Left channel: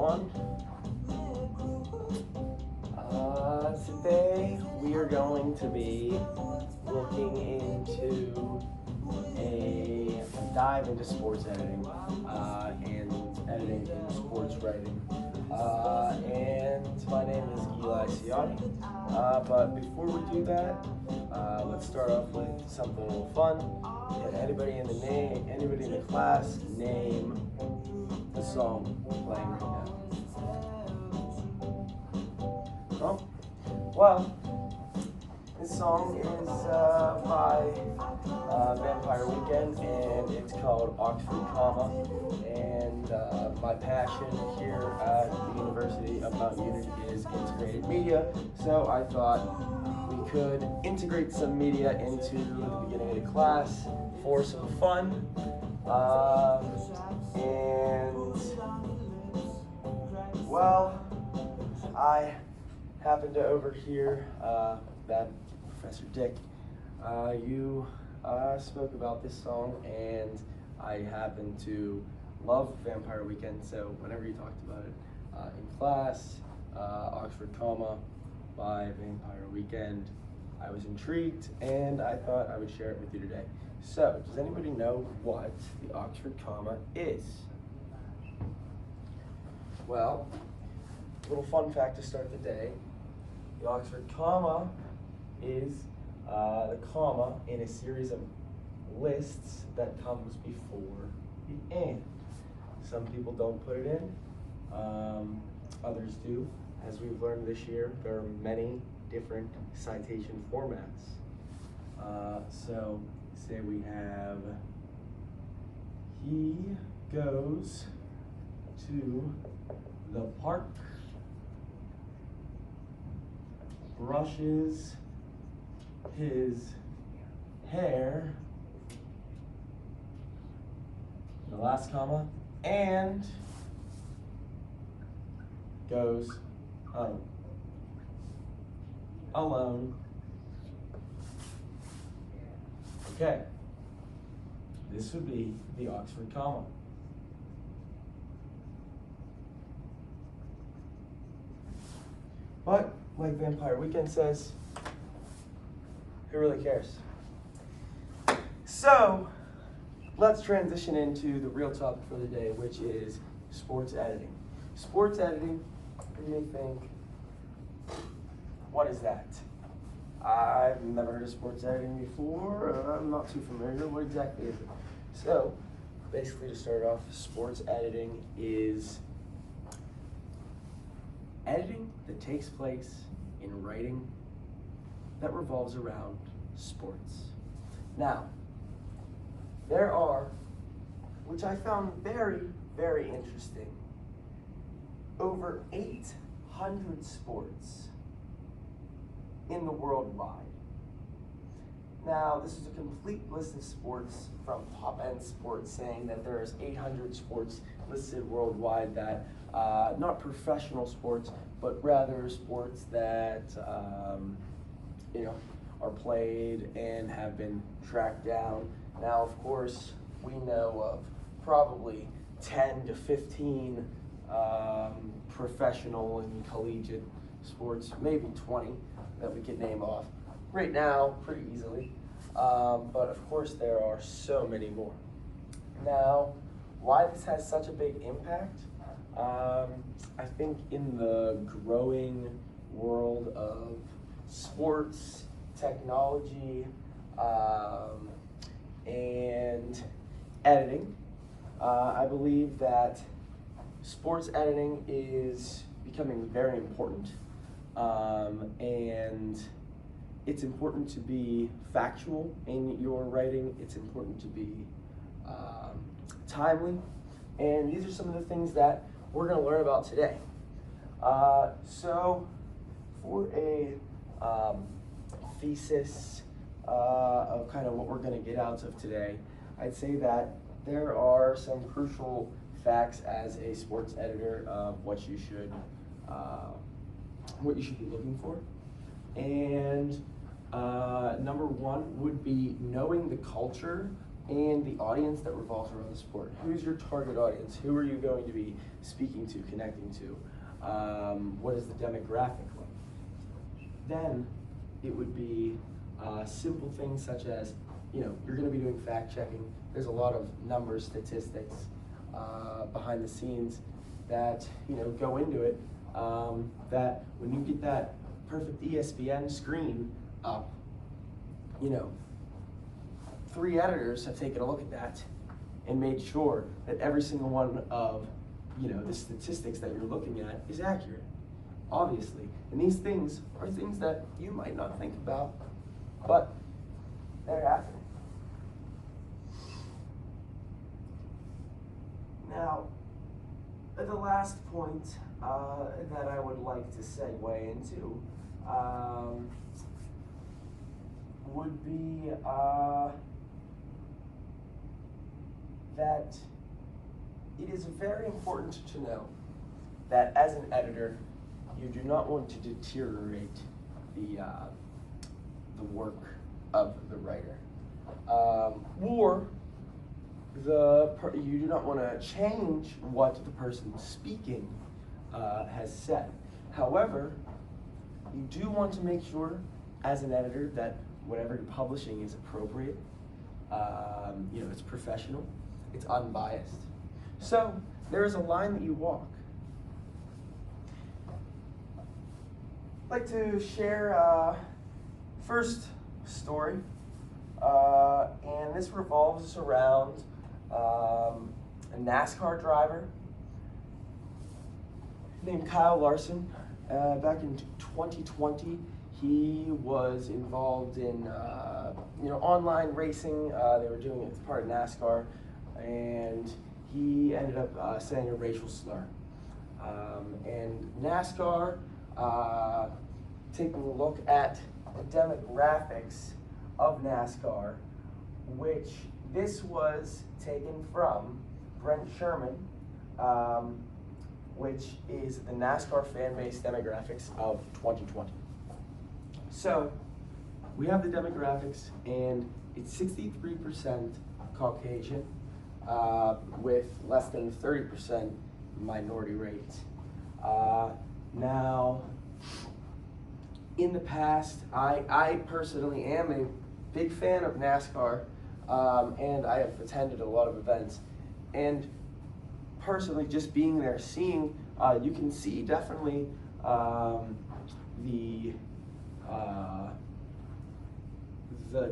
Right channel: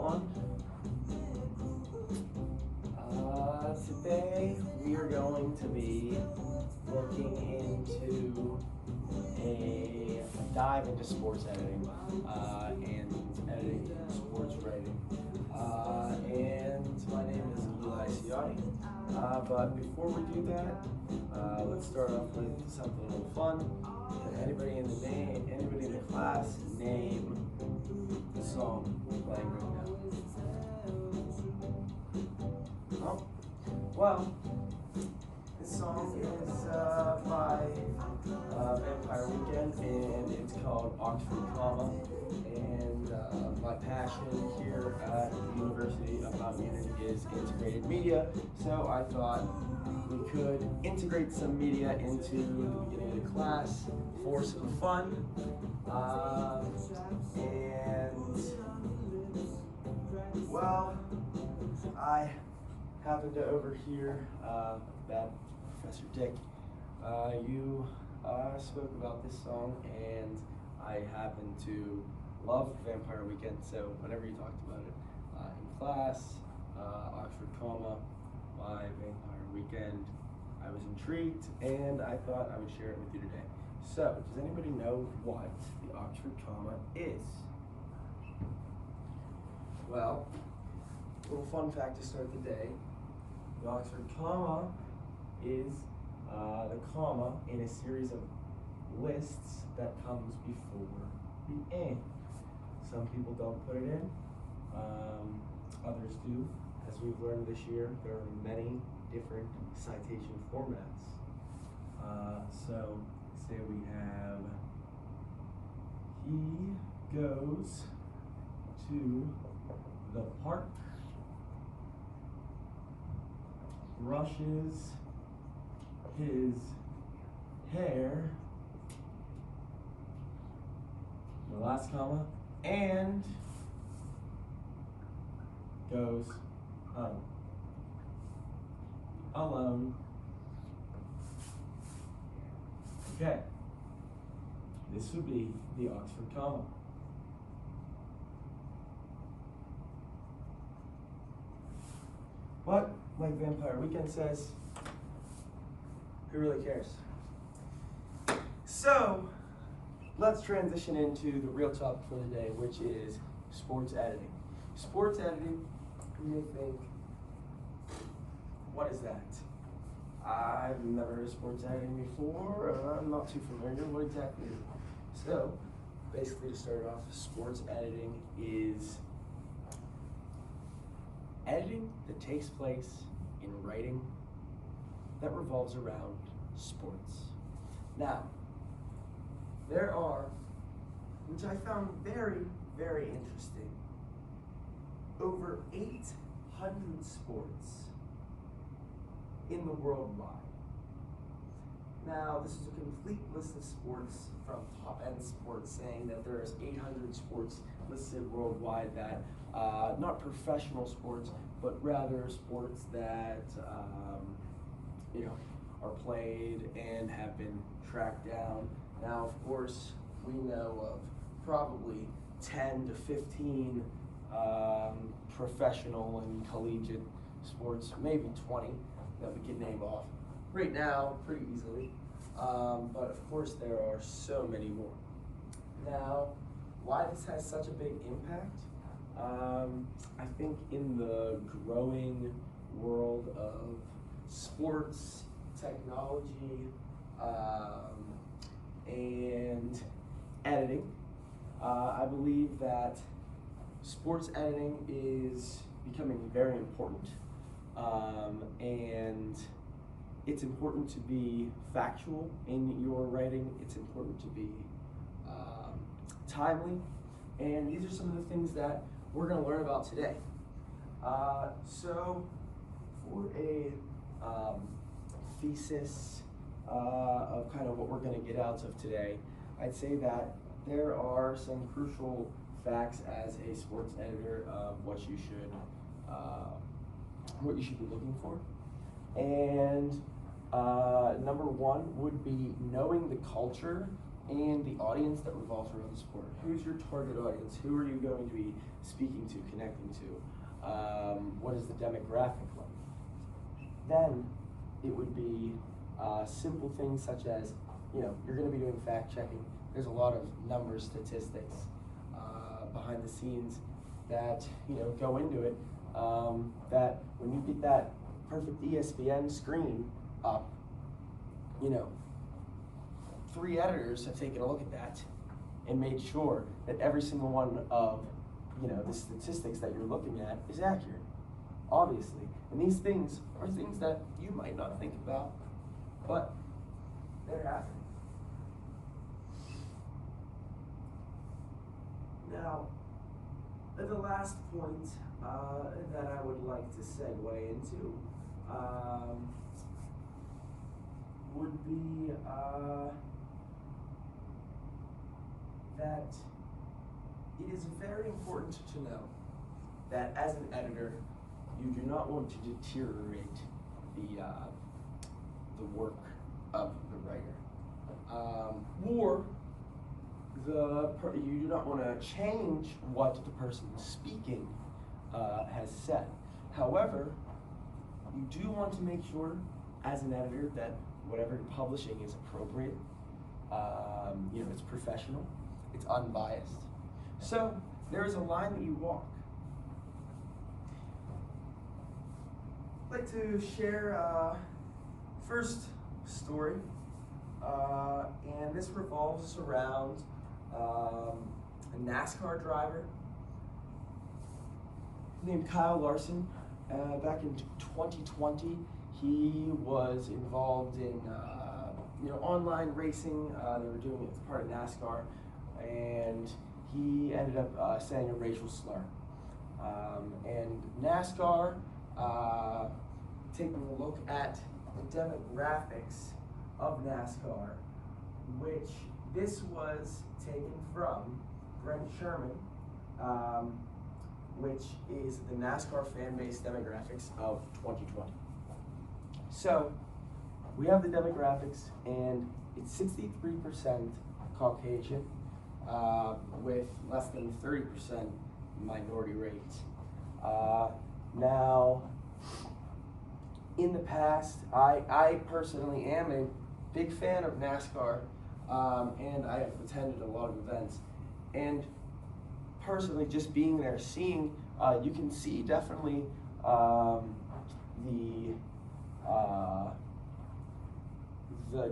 everyone. Today we are going to be looking into a dive into sports editing and editing in sports writing. And my name is Eli Ciani. But before we do that, let's start off with something a little fun. Can anybody in the class name the song playing right now? Oh, well, this song is by Vampire Weekend, and it's called Oxford Comma. And my passion here at the University of Mount Union is integrated media, so I thought we could integrate some media into the beginning of the class for some fun. Well, I happened to overhear that Professor Dick, you spoke about this song, and I happen to love Vampire Weekend, so whenever you talked about it in class, Oxford Comma by Vampire Weekend, I was intrigued, and I thought I would share it with you today. So, does anybody know what the Oxford Comma is? Well, little fun fact to start the day. The Oxford Comma is the comma in a series of lists that comes before the and. Some people don't put it in, others do. As we've learned this year, there are many different citation formats. So, say we have, he goes to the park, brushes his hair, the last comma, and goes home alone. Okay, this would be the Oxford Comma. But, like Vampire Weekend says, who really cares? So, let's transition into the real topic for the day, which is sports editing. Sports editing, you may think, what is that? I've never heard of sports editing before. I'm not too familiar. What exactly is it? So, basically to start off, sports editing is editing that takes place in writing that revolves around sports. Now, there are, which I found very, very interesting, over 800 sports in the world wide. Now, this is a complete list of sports from Top End Sports saying that there's 800 sports listed worldwide that, not professional sports, but rather sports that, are played and have been tracked down. Now, of course, we know of probably 10 to 15 professional and collegiate sports, maybe 20 that we could name off right now pretty easily. But of course, there are so many more. Now, why this has such a big impact? I think in the growing world of sports, technology, and editing, I believe that sports editing is becoming very important, and it's important to be factual in your writing. It's important to be timely, and these are some of the things that we're going to learn about today. So for a thesis of kind of what we're going to get out of today, I'd say that there are some crucial facts as a sports editor of what you should be looking for. And number one would be knowing the culture and the audience that revolves around the sport. Who's your target audience? Who are you going to be speaking to, connecting to? What is the demographic like? Then it would be simple things such as, you're going to be doing fact checking. There's a lot of numbers, statistics behind the scenes that go into it. That when you get that perfect ESPN screen up, 3 editors have taken a look at that and made sure that every single one of the statistics that you're looking at is accurate, obviously. And these things are things that you might not think about, but they're happening. Now, the last point that I would like to segue into would be that it is very important to know that as an editor, you do not want to deteriorate the work of the writer, or you do not want to change what the person speaking has said. However, you do want to make sure, as an editor, that whatever you're publishing is appropriate. It's professional, it's unbiased. So there is a line that you walk. I'd like to share first story, and this revolves around a NASCAR driver named Kyle Larson. Back in 2020, he was involved in online racing. They were doing it as part of NASCAR, and he ended up saying a racial slur. And NASCAR, taking a look at the demographics of NASCAR, which this was taken from Brent Sherman, which is the NASCAR fan base demographics of 2020. So we have the demographics, and it's 63% Caucasian, with less than 30% minority rate. Now, in the past, I personally am a big fan of NASCAR, and I have attended a lot of events. And personally, just being there, seeing, you can see definitely the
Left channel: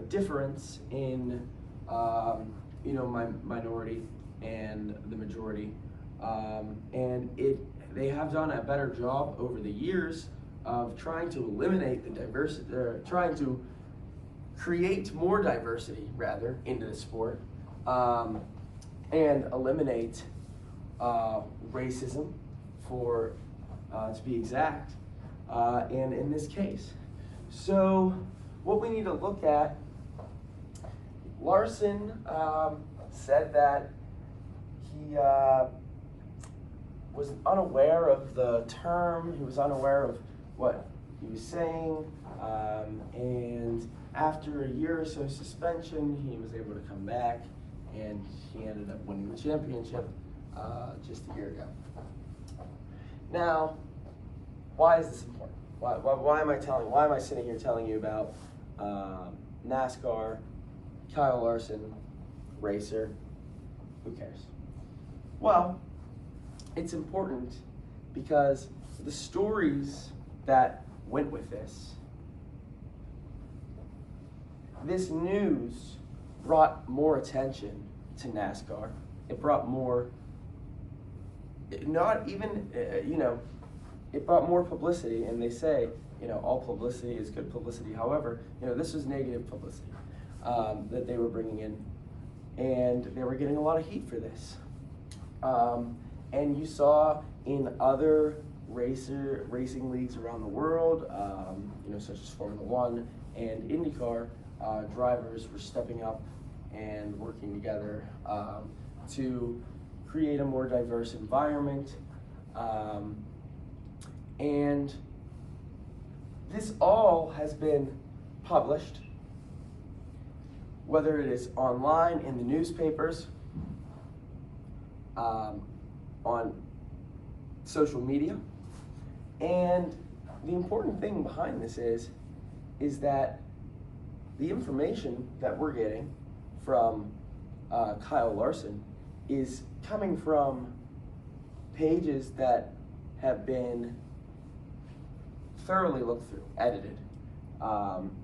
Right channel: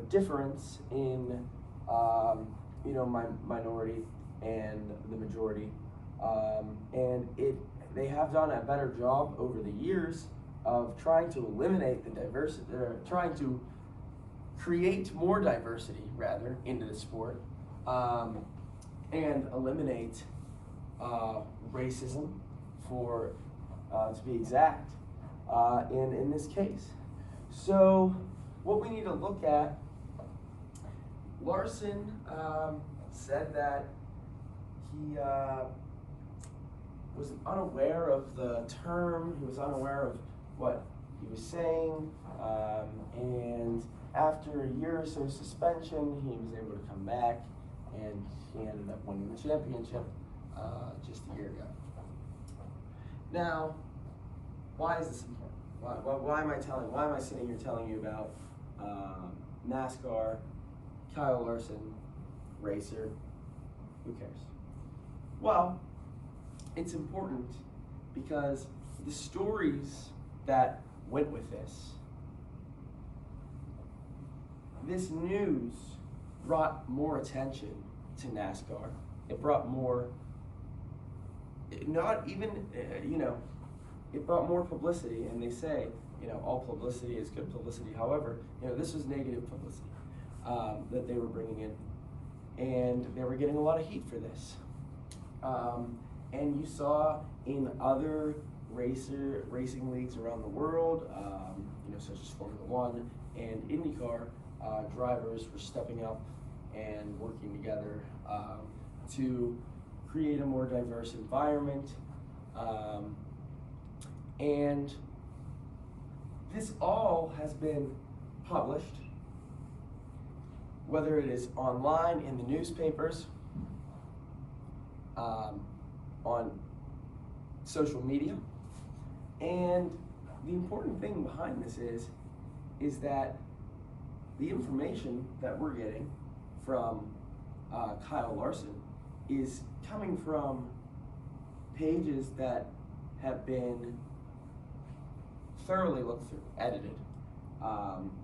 difference in my minority and the majority, and they have done a better job over the years of trying to eliminate the diversity, trying to create more diversity rather into the sport, and eliminate racism, for to be exact, and in this case. So what we need to look at, Larson said that he was unaware of the term, he was unaware of what he was saying, and after a year or so suspension, he was able to come back, and he ended up winning the championship just a year ago. Now, why is this important? Why am I sitting here telling you about NASCAR, Kyle Larson, racer? Who cares? Well, it's important because the stories that went with this news brought more attention to NASCAR. It brought more, not even, it brought more publicity, and they say, all publicity is good publicity. However, this was negative publicity that they were bringing in, and they were getting a lot of heat for this. And you saw in other racing leagues around the world, such as Formula One and IndyCar, drivers were stepping up and working together to create a more diverse environment. And this all has been published. whether it is online, in the newspapers, on social media. And the important thing behind this is that the information that we're getting from Kyle Larson is coming from pages that have been thoroughly looked through, edited.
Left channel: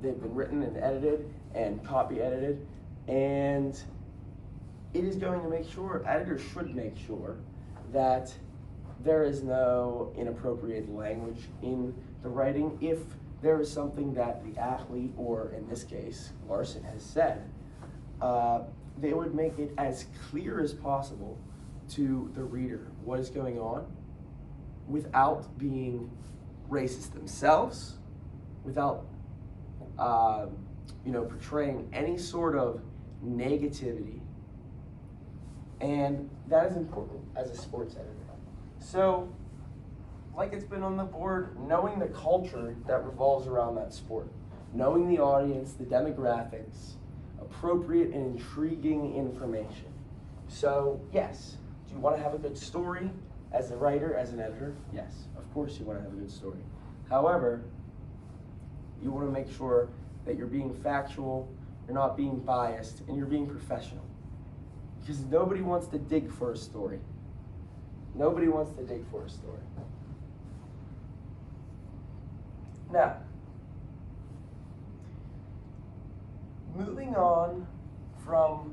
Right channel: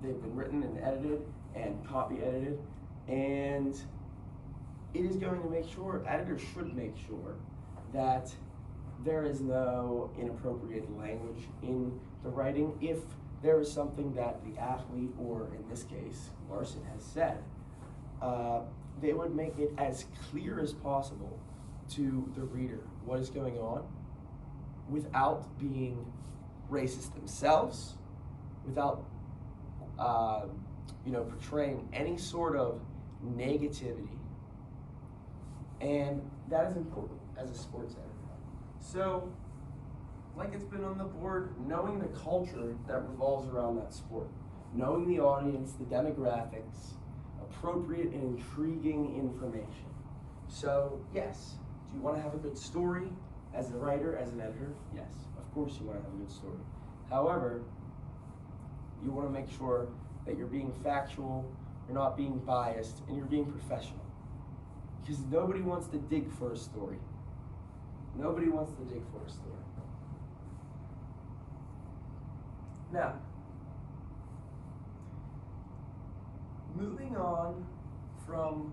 They've been written and edited and copy edited, and it is going to make sure, editors should make sure, that there is no inappropriate language in the writing. If there is something that the athlete, or in this case, Larson, has said, they would make it as clear as possible to the reader what is going on without being racist themselves, without portraying any sort of negativity. And that is important as a sports editor. So, like it's been on the board, knowing the culture that revolves around that sport, knowing the audience, the demographics, appropriate and intriguing information. So, yes, do you want to have a good story as a writer, as an editor? Yes, of course you want to have a good story. However, you want to make sure that you're being factual, you're not being biased, and you're being professional. Because nobody wants to dig for a story. Nobody wants to dig for a story. Now, moving on from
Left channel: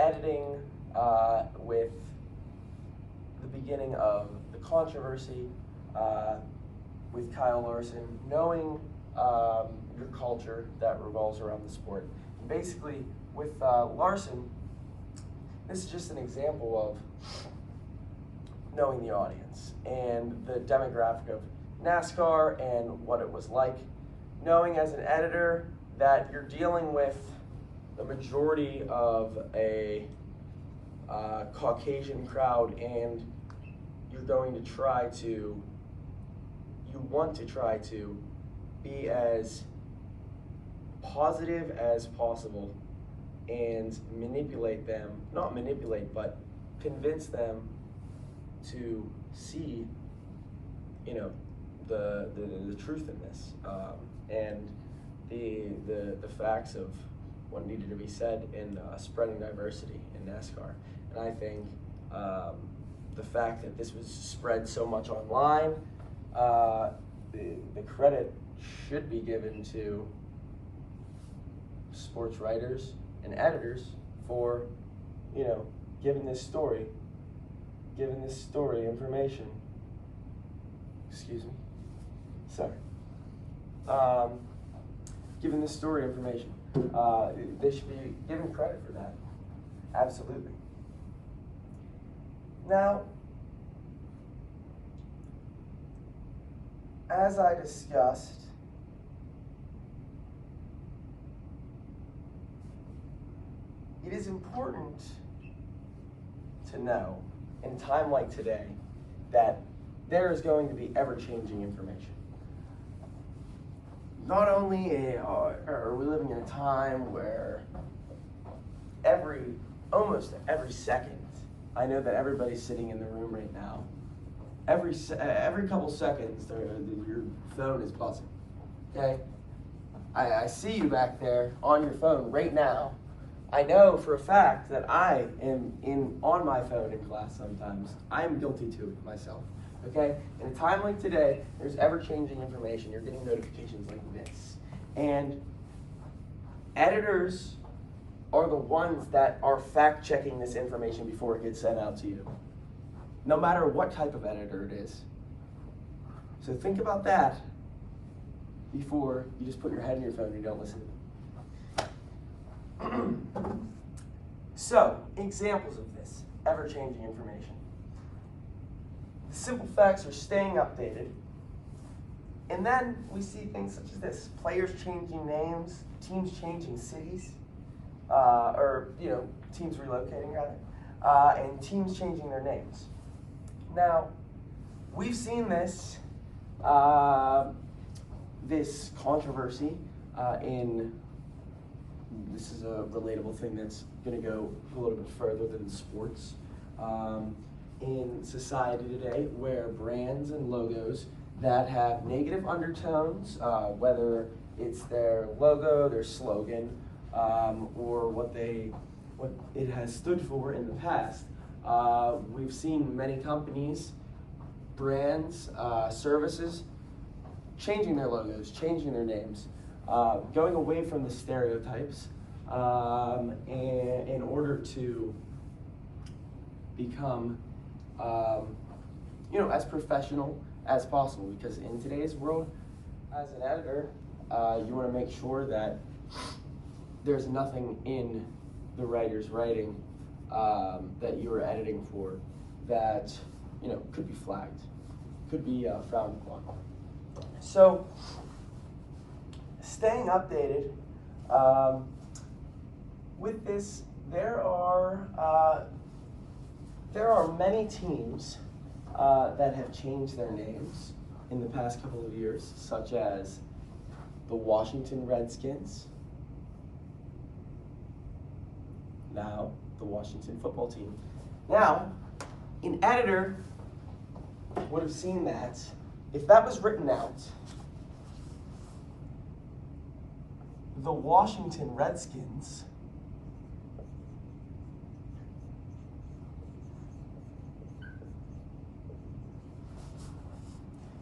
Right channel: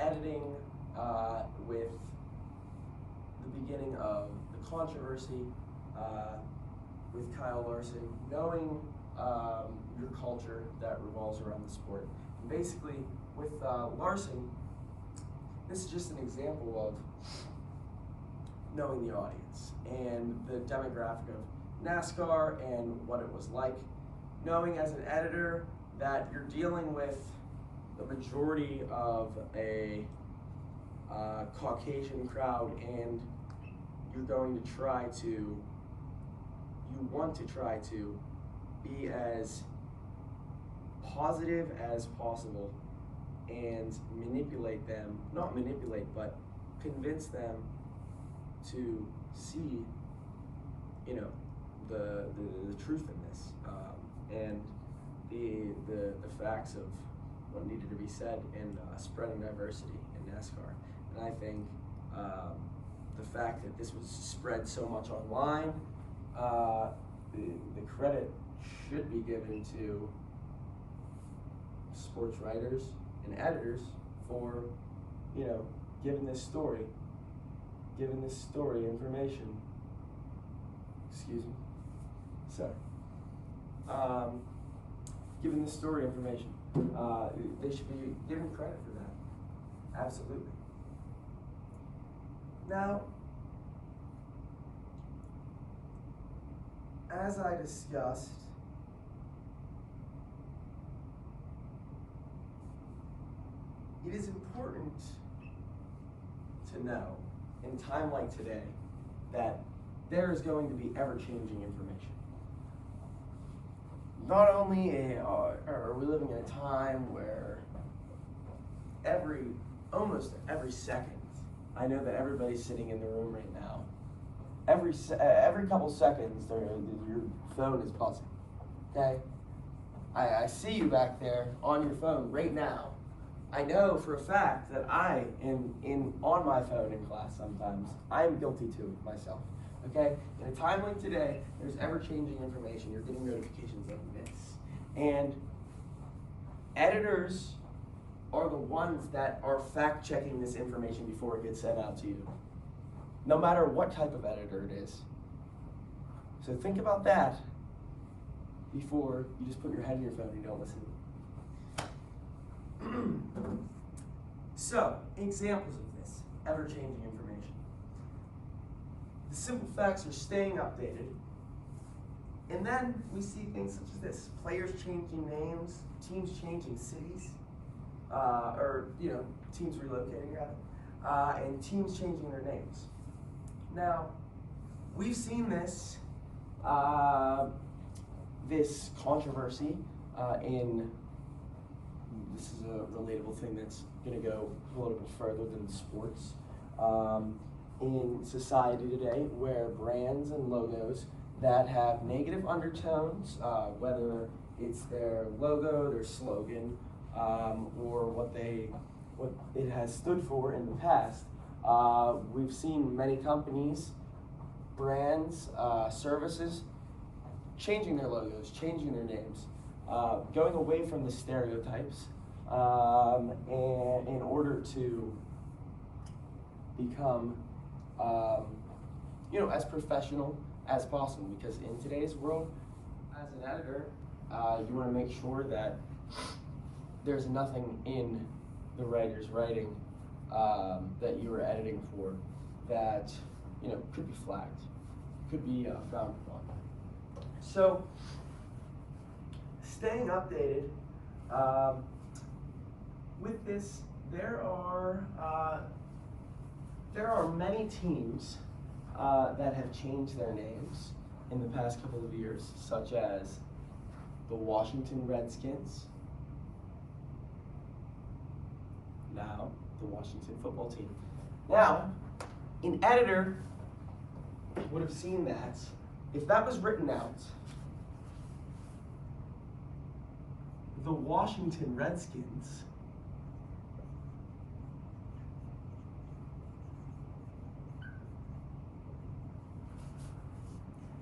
editing with the beginning of the controversy with Kyle Larson, knowing your culture that revolves around the sport. And basically, with Larson, this is just an example of knowing the audience and the demographic of NASCAR and what it was like. Knowing as an editor that you're dealing with the majority of a Caucasian crowd, and you're going to try to, you want to try to be as positive as possible and manipulate them, not manipulate, but convince them to see, the truth in this, and the facts of what needed to be said in spreading diversity in NASCAR. And I think the fact that this was spread so much online, the credit should be given to sports writers and editors for, giving this story information. Excuse me. Sorry. Given this story information. They should be given credit for that. Absolutely. Now, as I discussed, it is important to know in a time like today that there is going to be ever-changing information. Not only are we living in a time where almost every second, I know that everybody's sitting in the room right now, every couple seconds your phone is buzzing, okay? I see you back there on your phone right now. I know for a fact that I am on my phone in class sometimes. I am guilty to it myself, okay? In a time like today, there's ever-changing information. You're getting notifications like this. And editors are the ones that are fact-checking this information before it gets sent out to you, no matter what type of editor it is. So think about that before you just put your head in your phone and you don't listen. So, examples of this ever-changing information. The simple facts are staying updated. And then we see things such as this: players changing names, teams changing cities, teams relocating rather, and teams changing their names. Now, we've seen this this controversy in this is a relatable thing that's going to go a little bit further than sports. In society today, where brands and logos that have negative undertones, whether it's their logo, their slogan, or what it has stood for in the past, we've seen many companies, brands, services changing their logos, changing their names, going away from the stereotypes in order to become as professional as possible, because in today's world, as an editor, you want to make sure that there's nothing in the writer's writing that you are editing for that could be flagged, could be frowned upon. So, staying updated with this, there are many teams that have changed their names in the past couple of years, such as the Washington Redskins, now the Washington football team. Now, an editor would have seen that if that was written out, the Washington Redskins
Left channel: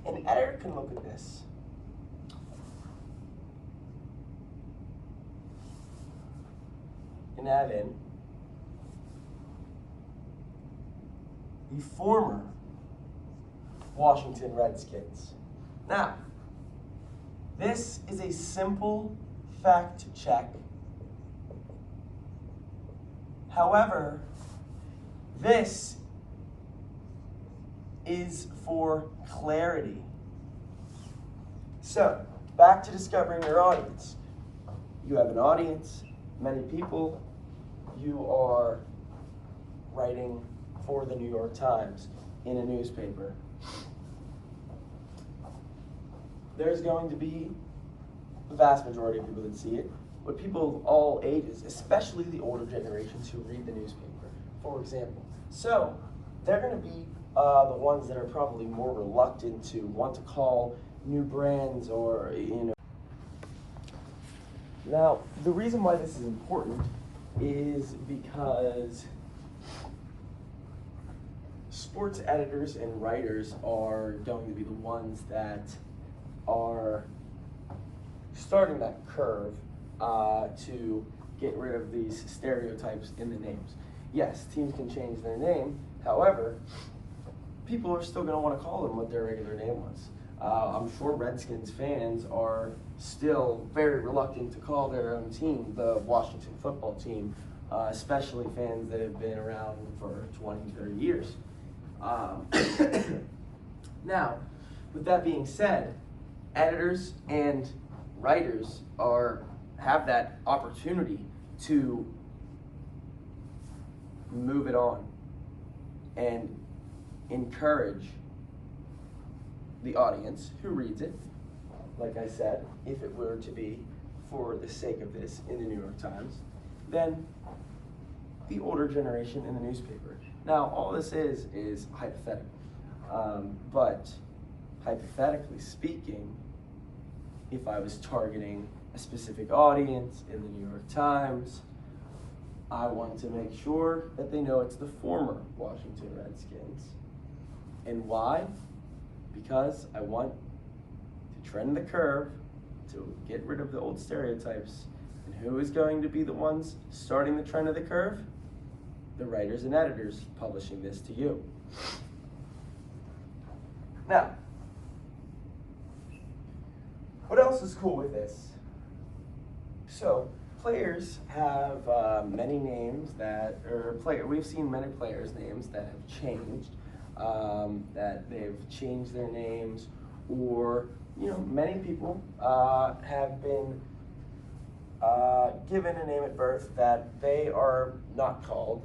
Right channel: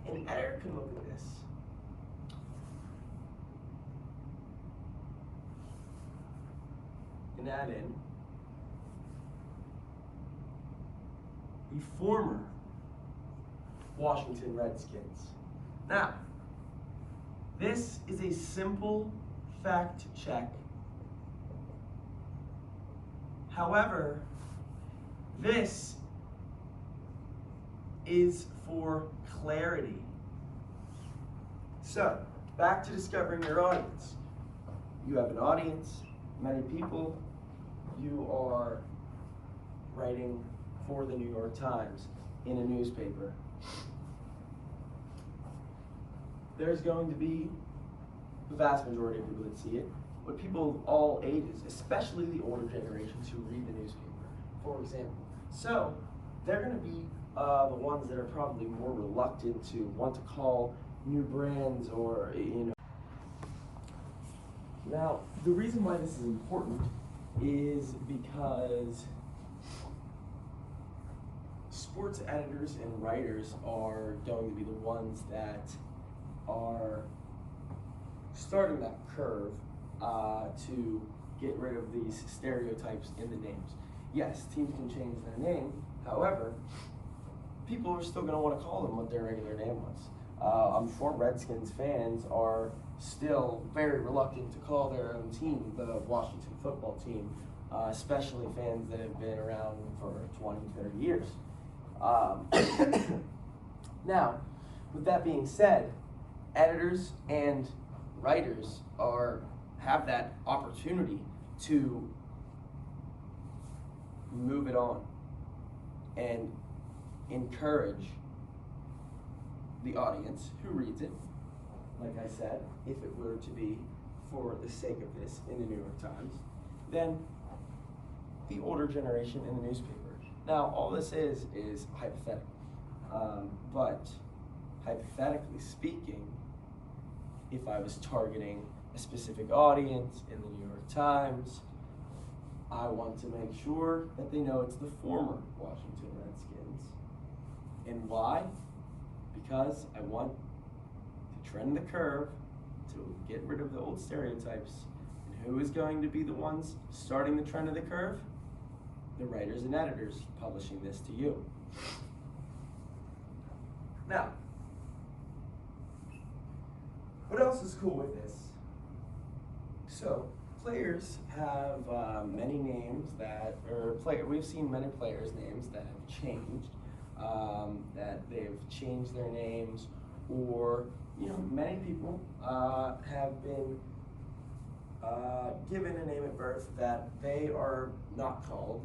an editor can look at this and add in the former Washington Redskins. Now, this is a simple fact check. However, this is for clarity. So, back to discovering your audience. You have an audience, many people. You are writing for the New York Times in a newspaper. There's going to be the vast majority of people that see it, but people of all ages, especially the older generations who read the newspaper, for example. So, they're going to be the ones that are probably more reluctant to want to call new brands or, Now, the reason why this is important is because sports editors and writers are going to be the ones that are starting that curve to get rid of these stereotypes in the names. Yes, teams can change their name, however, people are still going to want to call them what their regular name was. I'm sure Redskins fans are still very reluctant to call their own team the Washington football team, especially fans that have been around for 20, 30 years. Now, with that being said, editors and writers have that opportunity to move it on and encourage the audience who reads it, like I said, if it were to be for the sake of this in the New York Times, then the older generation in the newspaper. Now, all this is hypothetical, but hypothetically speaking, if I was targeting a specific audience in the New York Times, I want to make sure that they know it's the former Washington Redskins. And why? Because I want to trend the curve to get rid of the old stereotypes. And who is going to be the ones starting the trend of the curve? The writers and editors publishing this to you. Now, what else is cool with this? So, players have many names we've seen many players' names that have changed, that they've changed their names, or, many people have been given a name at birth that they are not called.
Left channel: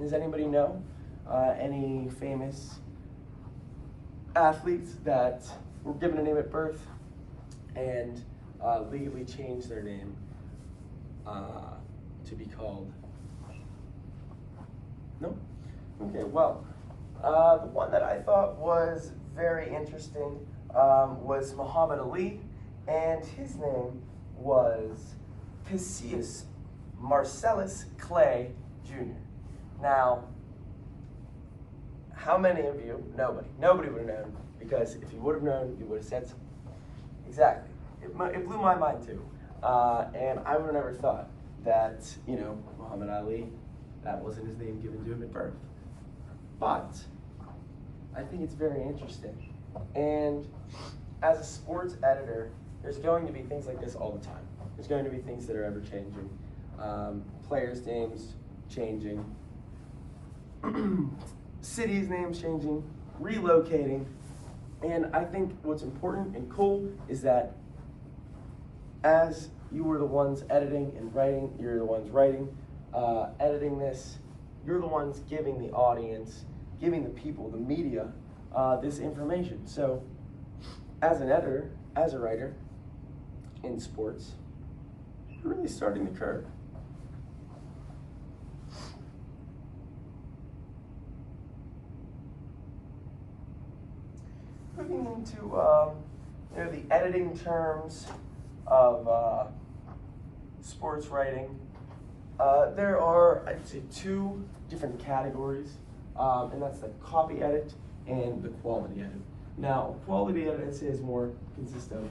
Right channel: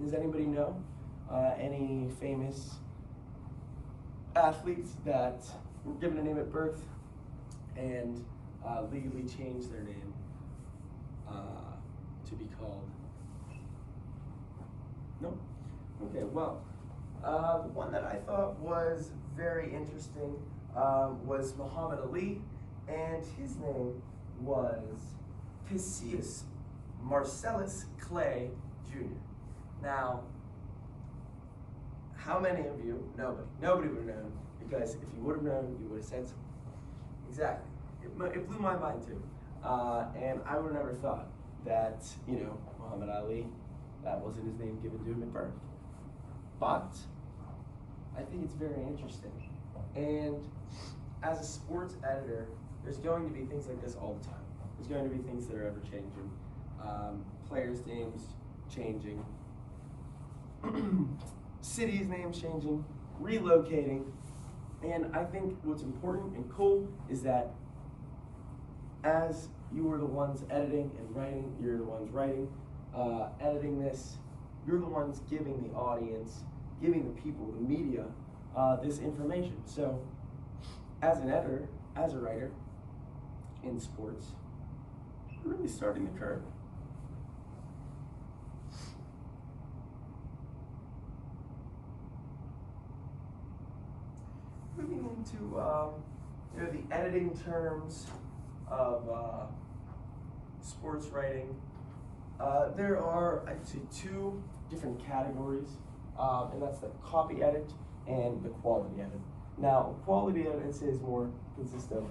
Does anybody know any famous athletes that were given a name at birth and legally changed their name to be called? No? Okay, well, the one that I thought was very interesting was Muhammad Ali, and his name was Cassius Marcellus Clay Jr. Now, how many of you? Nobody would have known, because if you would have known, you would have said something. Exactly. It blew my mind too. And I would have never thought that, Muhammad Ali, that wasn't his name given to him at birth. But I think it's very interesting. And as a sports editor, there's going to be things like this all the time. There's going to be things that are ever changing. Players' names changing. Cities' names changing. Relocating. And I think what's important and cool is that as you are the ones editing and writing, you're the ones writing, editing this, you're the ones giving the audience, giving the people, the media, this information. So as an editor, as a writer in sports, you're really starting the curve. Moving into the editing terms of sports writing, there are, I'd say, two different categories, and that's the copy edit and the quality edit. Now, a quality edit, I'd say, is more consists of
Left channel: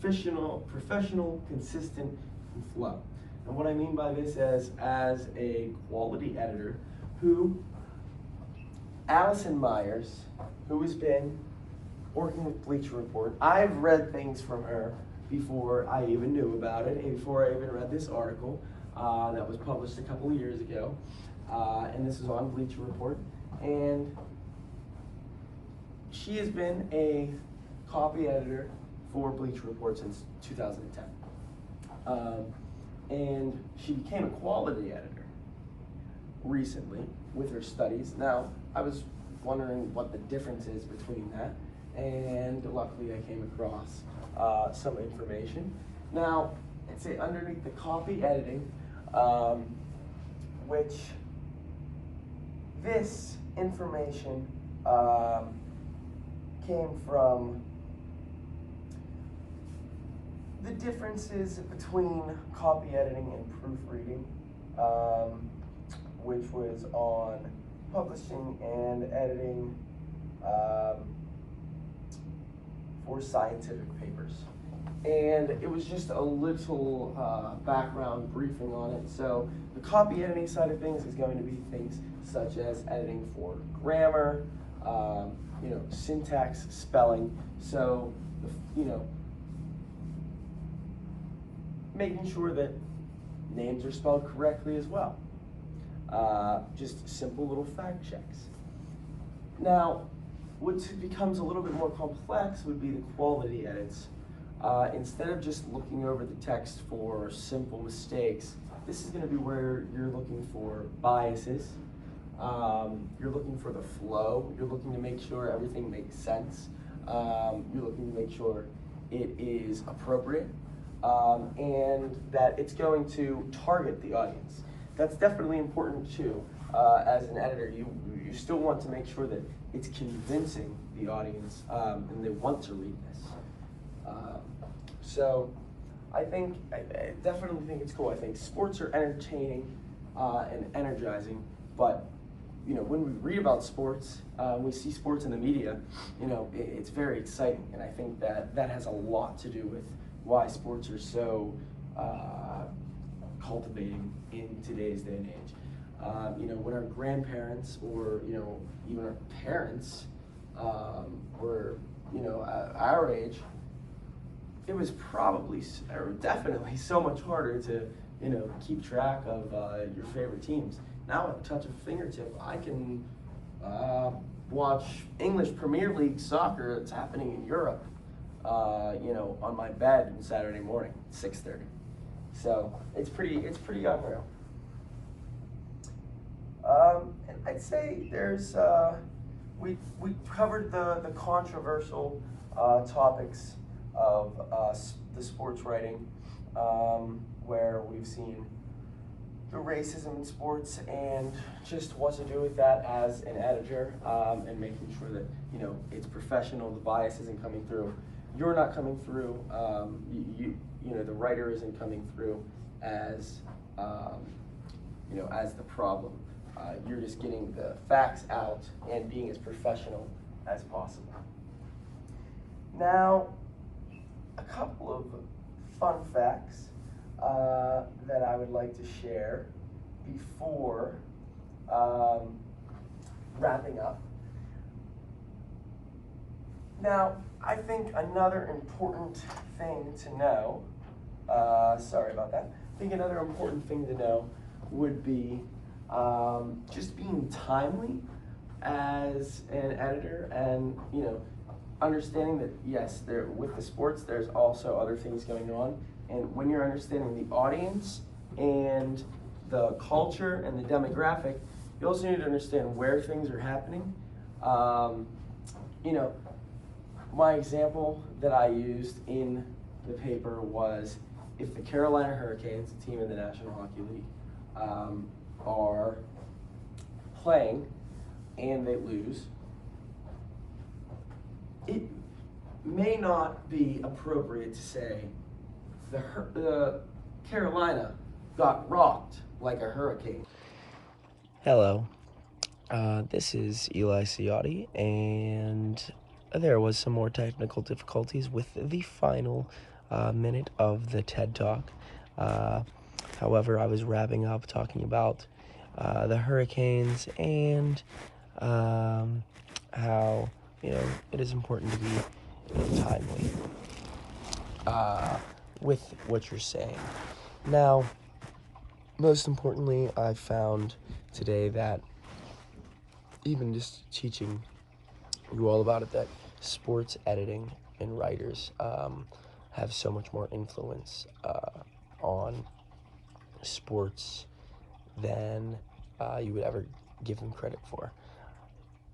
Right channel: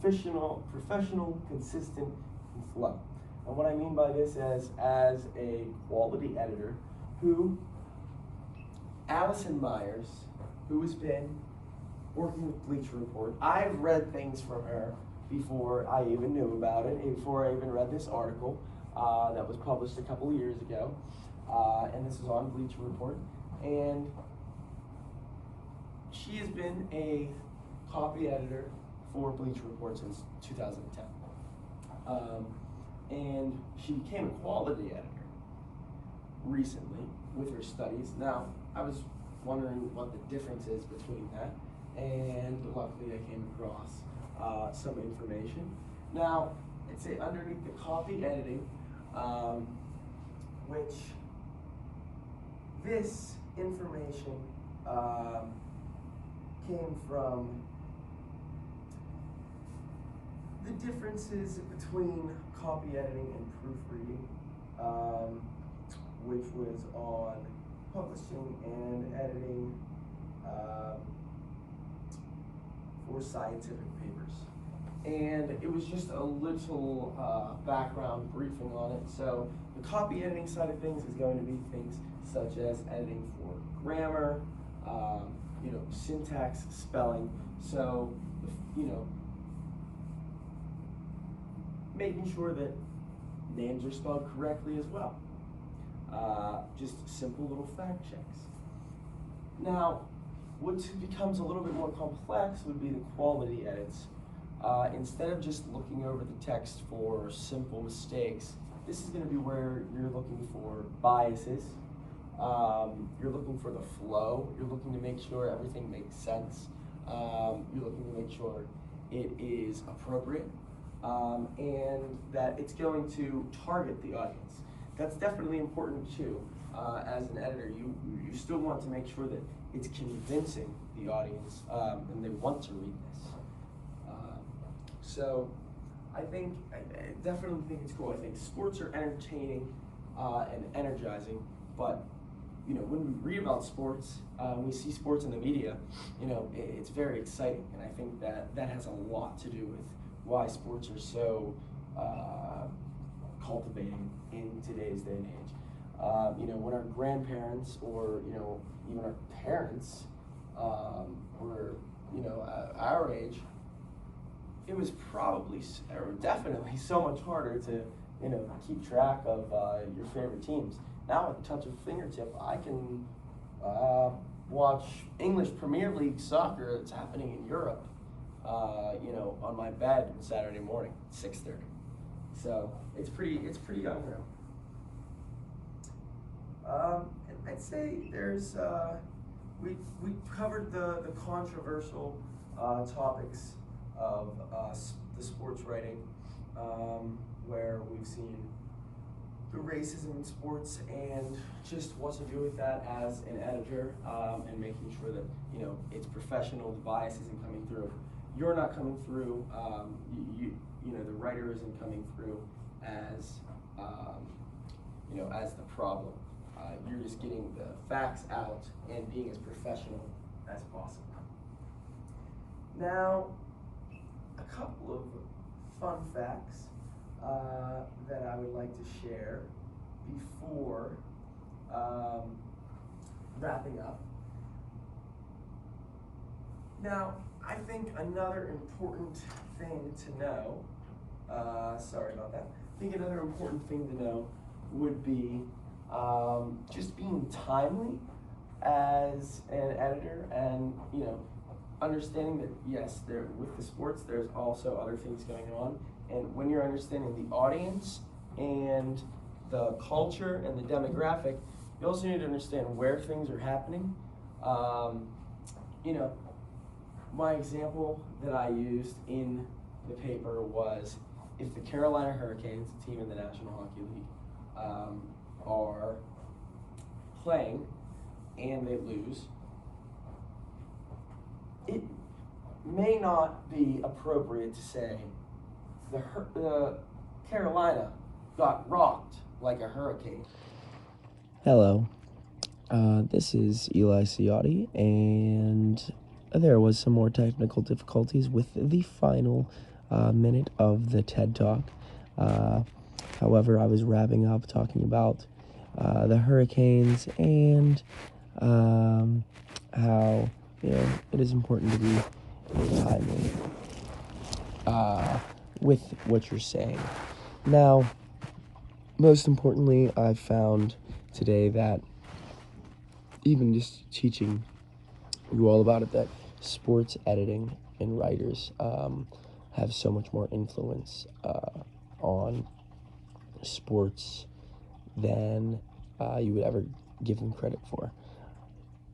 professional, consistent, and flow. And what I mean by this is, as a quality editor, Allison Myers, who has been working with Bleacher Report, I've read things from her before I even knew about it, before I even read this article that was published a couple of years ago, and this is on Bleacher Report, and she has been a copy editor for Bleacher Report since 2010, and she became a quality editor recently with her studies. Now, I was wondering what the difference is between that, and luckily I came across some information. Now, I'd say underneath the copy editing, which this information came from the differences between copy editing and proofreading, which was on publishing and editing for scientific papers. And it was just a little background briefing on it. So the copy editing side of things is going to be things such as editing for grammar, syntax, spelling. So, making sure that names are spelled correctly as well. Just simple little fact checks. Now, what becomes a little bit more complex would be the quality edits. Instead of just looking over the text for simple mistakes, this is going to be where you're looking for biases. You're looking for the flow. You're looking to make sure everything makes sense. You're looking to make sure it is appropriate, and that it's going to target the audience. That's definitely important too. As an editor, you still want to make sure that it's convincing the audience, and they want to read this. So I definitely think it's cool. I think sports are entertaining and energizing, but when we read about sports, we see sports in the media, it's very exciting, and I think that has a lot to do with why sports are so cultivating in today's day and age. When our grandparents or even our parents were our age, it was probably or definitely so much harder to keep track of your favorite teams. Now at the touch of a fingertip, I can watch English Premier League soccer that's happening in Europe, on my bed on Saturday morning, 6:30. So it's pretty unreal. And I'd say there's we covered the controversial topics of the sports writing. where we've seen the racism in sports and just what to do with that as an editor, and making sure that, you know, it's professional, the bias isn't coming through. You're not coming through, you know, the writer isn't coming through as, you know, as the problem. You're just getting the facts out and being as professional as possible. Now, a couple of fun facts that I would like to share before wrapping up. Now, I think another important thing to know, sorry about that, I think another important thing to know would be just being timely as an editor, and, you know, understanding that, yes, with the sports, there's also other things going on. And when you're understanding the audience and the culture and the demographic, you also need to understand where things are happening. You know, my example that I used in the paper was, if the Carolina Hurricanes, a team in the National Hockey League, are playing and they lose, it may not be appropriate to say the Carolina got rocked like a hurricane. Hello, this is Eli Ciotti, and there was some more technical difficulties with the final minute of the TED Talk. However, I was wrapping up talking about the Hurricanes and how, you know, it is important to be timely with what you're saying. Now, most importantly, I found today that, even just teaching you all about it, that sports editing and writers have so much more influence on sports than you would ever give them credit for.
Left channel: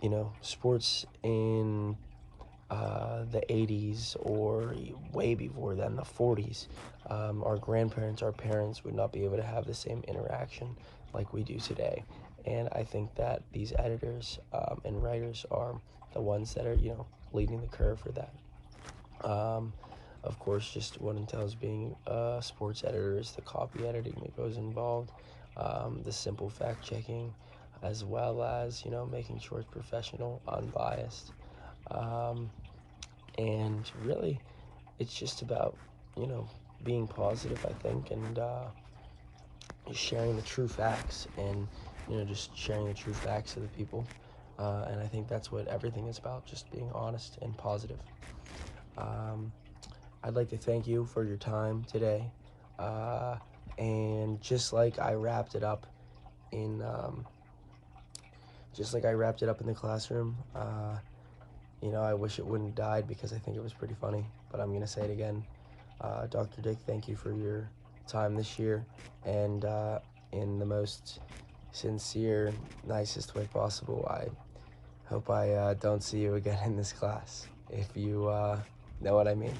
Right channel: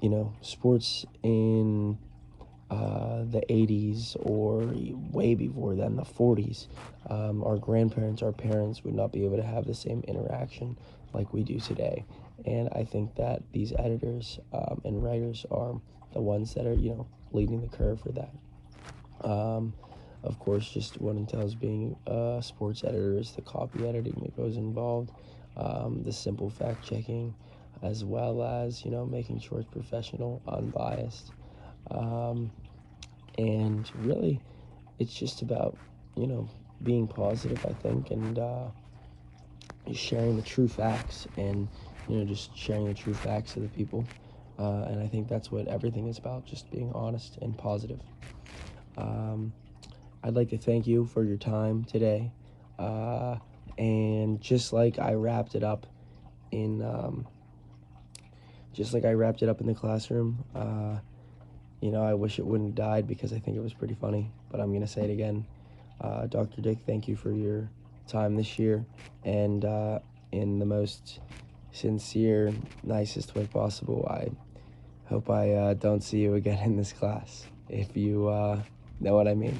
You know, sports in the 80s, or way before then, the 40s, our grandparents, our parents would not be able to have the same interaction like we do today. And I think that these editors and writers are the ones that are, you know, leading the curve for that. Of course, just what entails being a sports editor is the copy editing that goes involved, the simple fact checking, as well as, you know, making sure it's professional, unbiased. And really, it's just about, you know, being positive, I think, and sharing the true facts, and, you know, just sharing the true facts to the people. And I think that's what everything is about, just being honest and positive. I'd like to thank you for your time today. And just like I wrapped it up in the classroom, you know, I wish it wouldn't have died, because I think it was pretty funny, but I'm going to say it again. Dr. Dick, thank you for your time this year, and in the most sincere, nicest way possible, I hope I don't see you again in this class, if you know what I mean.